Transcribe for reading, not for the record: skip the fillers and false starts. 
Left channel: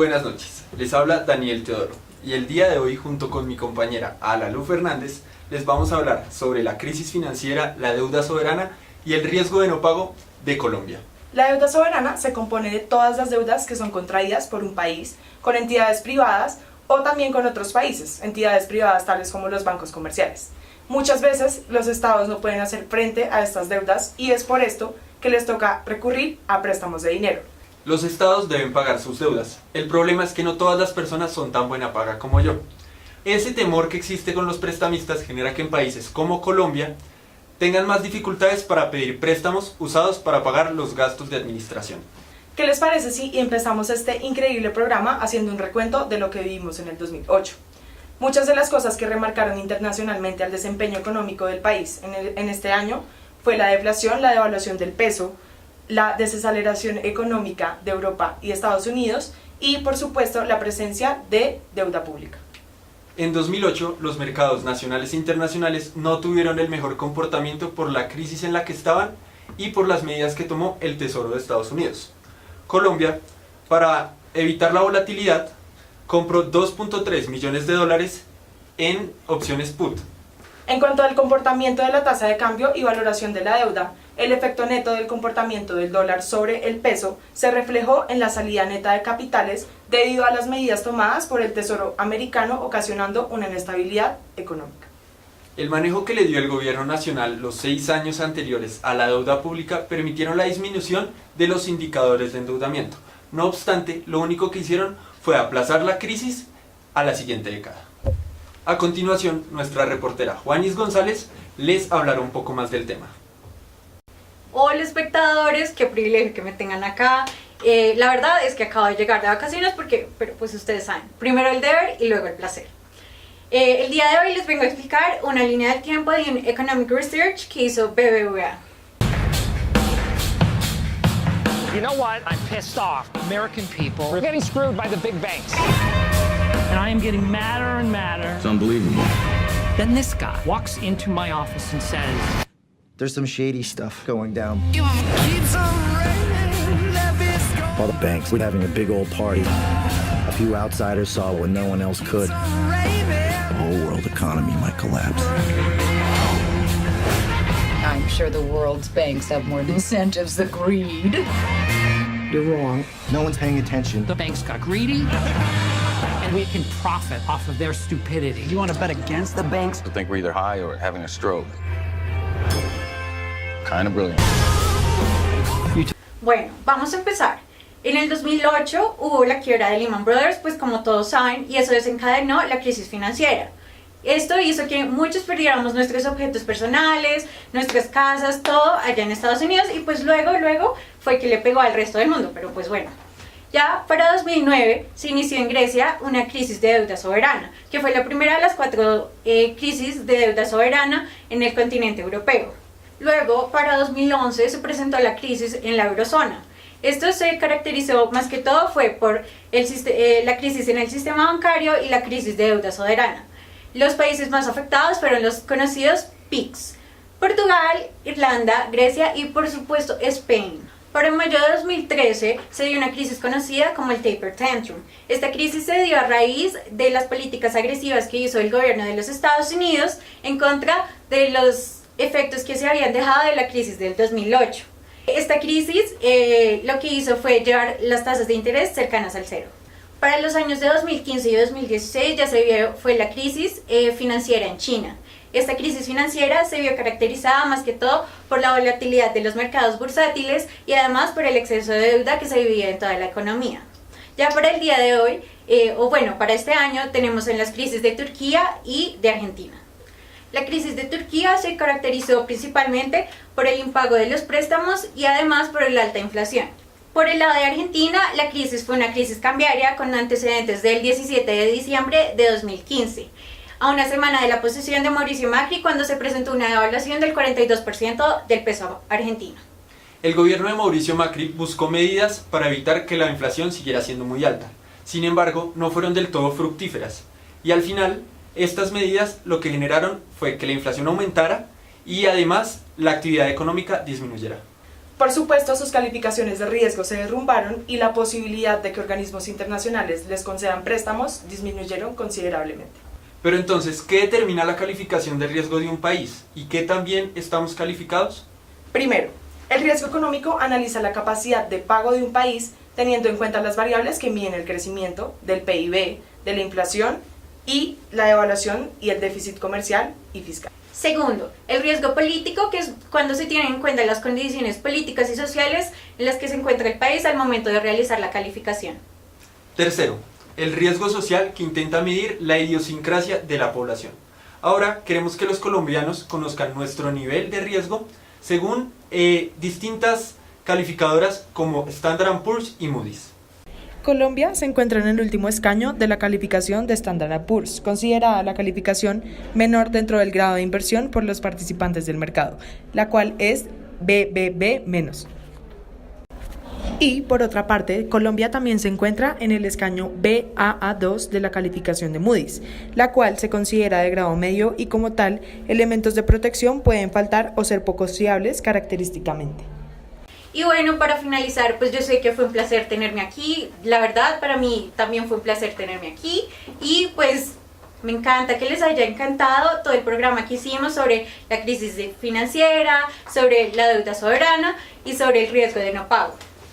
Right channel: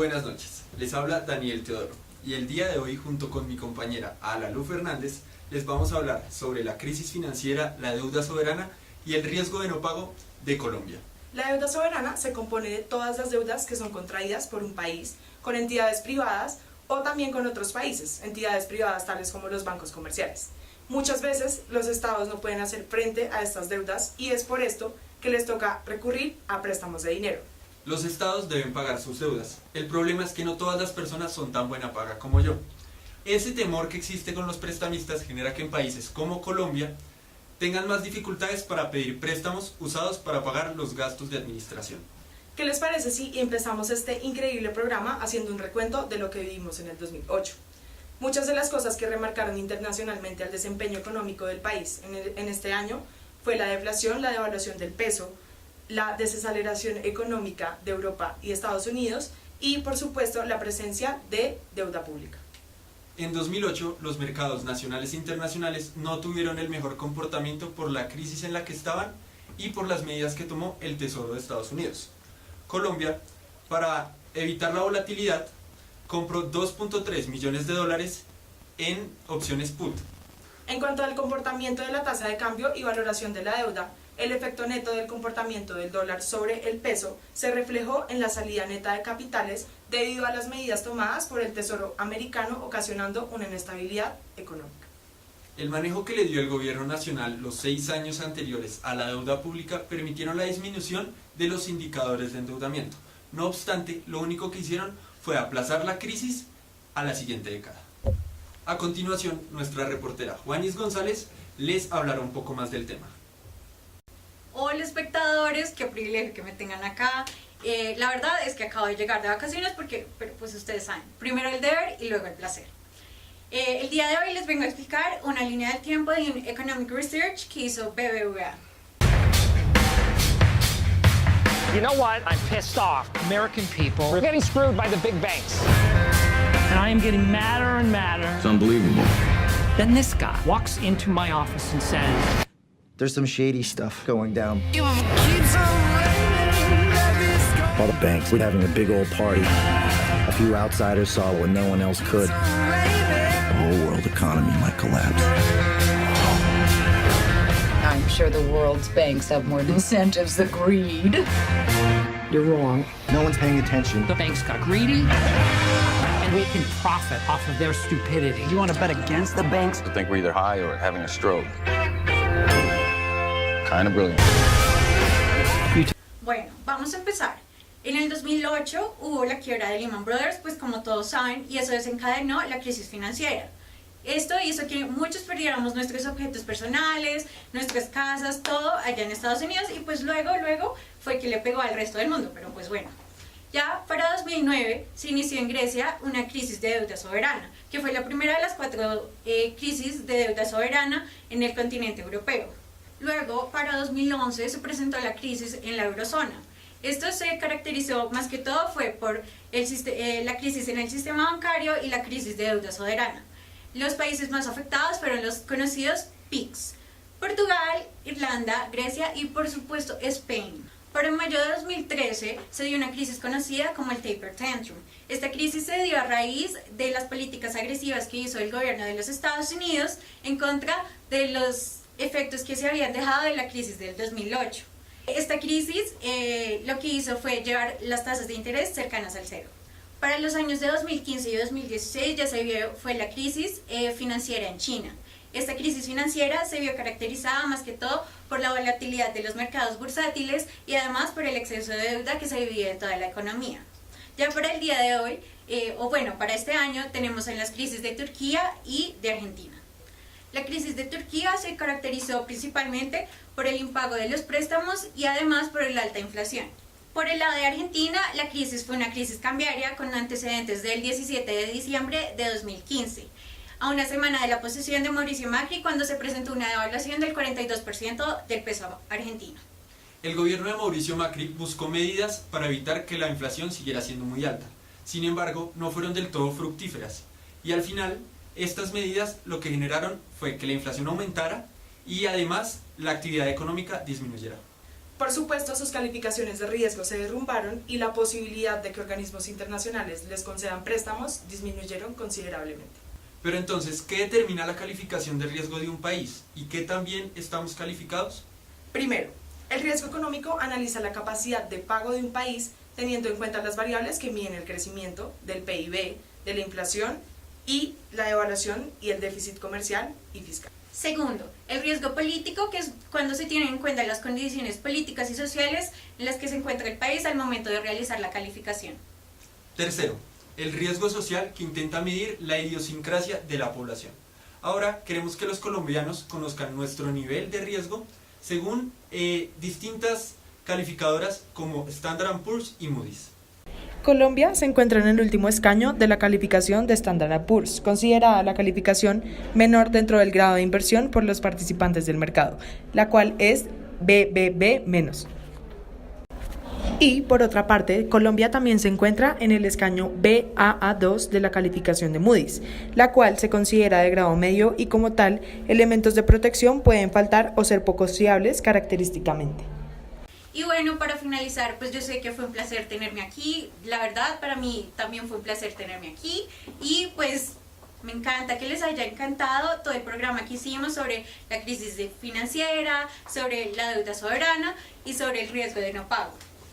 Buenas noches, les habla Daniel Teodoro y el día de hoy junto con mi compañera Alalu Fernández les vamos a hablar sobre la crisis financiera, la deuda soberana y el riesgo de no pago de Colombia. La deuda soberana se compone de todas las deudas que son contraídas por un país con entidades privadas o también con otros países, entidades privadas tales como los bancos comerciales. Muchas veces los estados no pueden hacer frente a estas deudas y es por esto que les toca recurrir a préstamos de dinero. Los estados deben pagar sus deudas. El problema es que no todas las personas son tan buena paga como yo. Ese temor que existe con los prestamistas genera que en países como Colombia tengan más dificultades para pedir préstamos usados para pagar los gastos de administración. ¿Qué les parece si empezamos este increíble programa haciendo un recuento de lo que vivimos en el 2008? Muchas de las cosas que remarcaron internacionalmente al desempeño económico del país en este año fue la deflación, la devaluación del peso, la desaceleración económica de Europa y Estados Unidos y, por supuesto, la presencia de deuda pública. En 2008, los mercados nacionales e internacionales no tuvieron el mejor comportamiento por la crisis en la que estaban y por las medidas que tomó el Tesoro de Estados Unidos. Colombia, para evitar la volatilidad, compró 2.3 millones de dólares en opciones put. En cuanto al comportamiento de la tasa de cambio y valoración de la deuda, el efecto neto del comportamiento del dólar sobre el peso se reflejó en la salida neta de capitales debido a las medidas tomadas por el Tesoro americano, ocasionando una inestabilidad económica. El manejo que le dio el gobierno nacional los 6 años anteriores a la deuda pública permitieron la disminución de los indicadores de endeudamiento. No obstante, lo único que hicieron fue aplazar la crisis a la siguiente década. A continuación, nuestra reportera Juanis González les hablará un poco más del tema. Hola espectadores, qué privilegio que me tengan acá. La verdad es que acabo de llegar de vacaciones pero pues ustedes saben, primero el deber y luego el placer. El día de hoy les vengo a explicar una línea del tiempo de un Economic Research que hizo BBVA. You know what? I'm pissed off. American people are getting screwed by the big banks. And I am getting madder and madder. It's unbelievable. Then this guy walks into my office and says, there's some shady stuff going down. All the banks were having a big old party. A few outsiders saw it when no one else could. The whole world economy might collapse. I'm sure the world's banks have more incentives than greed. you're wrong. No one's paying attention. The banks got greedy, and we can profit off of their stupidity. You want to bet against the banks? I think we're either high or having a stroke. Kind of brilliant. Bueno, vamos a empezar. En el 2008 hubo la quiebra de Lehman Brothers, pues como todos saben, y eso desencadenó la crisis financiera. Esto hizo que muchos perdiéramos nuestros objetos personales, nuestras casas, todo allá en Estados Unidos, y pues luego fue que le pegó al resto del mundo, pero pues bueno. Ya para 2009 se inició en Grecia una crisis de deuda soberana, que fue la primera de las 4 crisis de deuda soberana en el continente europeo. Luego, para 2011 se presentó la crisis en la eurozona. Esto se caracterizó más que todo fue por la crisis en el sistema bancario y la crisis de deuda soberana. Los países más afectados fueron los conocidos PIGS: Portugal, Irlanda, Grecia y por supuesto España. Para mayo de 2013 se dio una crisis conocida como el Taper Tantrum. Esta crisis se dio a raíz de las políticas agresivas que hizo el gobierno de los Estados Unidos en contra de los efectos que se habían dejado de la crisis del 2008. Esta crisis lo que hizo fue llevar las tasas de interés cercanas al cero. Para los años de 2015 y 2016 ya se vio fue la crisis financiera en China. Esta crisis financiera se vio caracterizada más que todo por la volatilidad de los mercados bursátiles y además por el exceso de deuda que se vivía en toda la economía. Ya para el día de hoy, para este año, tenemos en las crisis de Turquía y de Argentina. La crisis de Turquía se caracterizó principalmente por el impago de los préstamos y además por la alta inflación. Por el lado de Argentina, la crisis fue una crisis cambiaria con antecedentes del 17 de diciembre de 2015, a una semana de la posesión de Mauricio Macri, cuando se presentó una devaluación del 42% del peso argentino. El gobierno de Mauricio Macri buscó medidas para evitar que la inflación siguiera siendo muy alta. Sin embargo, no fueron del todo fructíferas. Y al final, estas medidas lo que generaron fue que la inflación aumentara y además la actividad económica disminuyera. Por supuesto, sus calificaciones de riesgo se derrumbaron y la posibilidad de que organismos internacionales les concedan préstamos disminuyeron considerablemente. Pero entonces, ¿qué determina la calificación de riesgo de un país? ¿Y qué también estamos calificados? Primero, el riesgo económico analiza la capacidad de pago de un país teniendo en cuenta las variables que miden el crecimiento del PIB, de la inflación y la devaluación y el déficit comercial y fiscal. Segundo, el riesgo político, que es cuando se tienen en cuenta las condiciones políticas y sociales en las que se encuentra el país al momento de realizar la calificación. Tercero, el riesgo social, que intenta medir la idiosincrasia de la población. Ahora queremos que los colombianos conozcan nuestro nivel de riesgo según distintas calificadoras como Standard & Poor's y Moody's. Colombia se encuentra en el último escaño de la calificación de Standard & Poor's, considerada la calificación menor dentro del grado de inversión por los participantes del mercado, la cual es BBB-. Y, por otra parte, Colombia también se encuentra en el escaño Baa2 de la calificación de Moody's, la cual se considera de grado medio y, como tal, elementos de protección pueden faltar o ser poco fiables característicamente. Y bueno, para finalizar, pues yo sé que fue un placer tenerme aquí. La verdad, para mí también fue un placer tenerme aquí. Y pues me encanta que les haya encantado todo el programa que hicimos sobre la crisis financiera, sobre la deuda soberana y sobre el riesgo de no pago.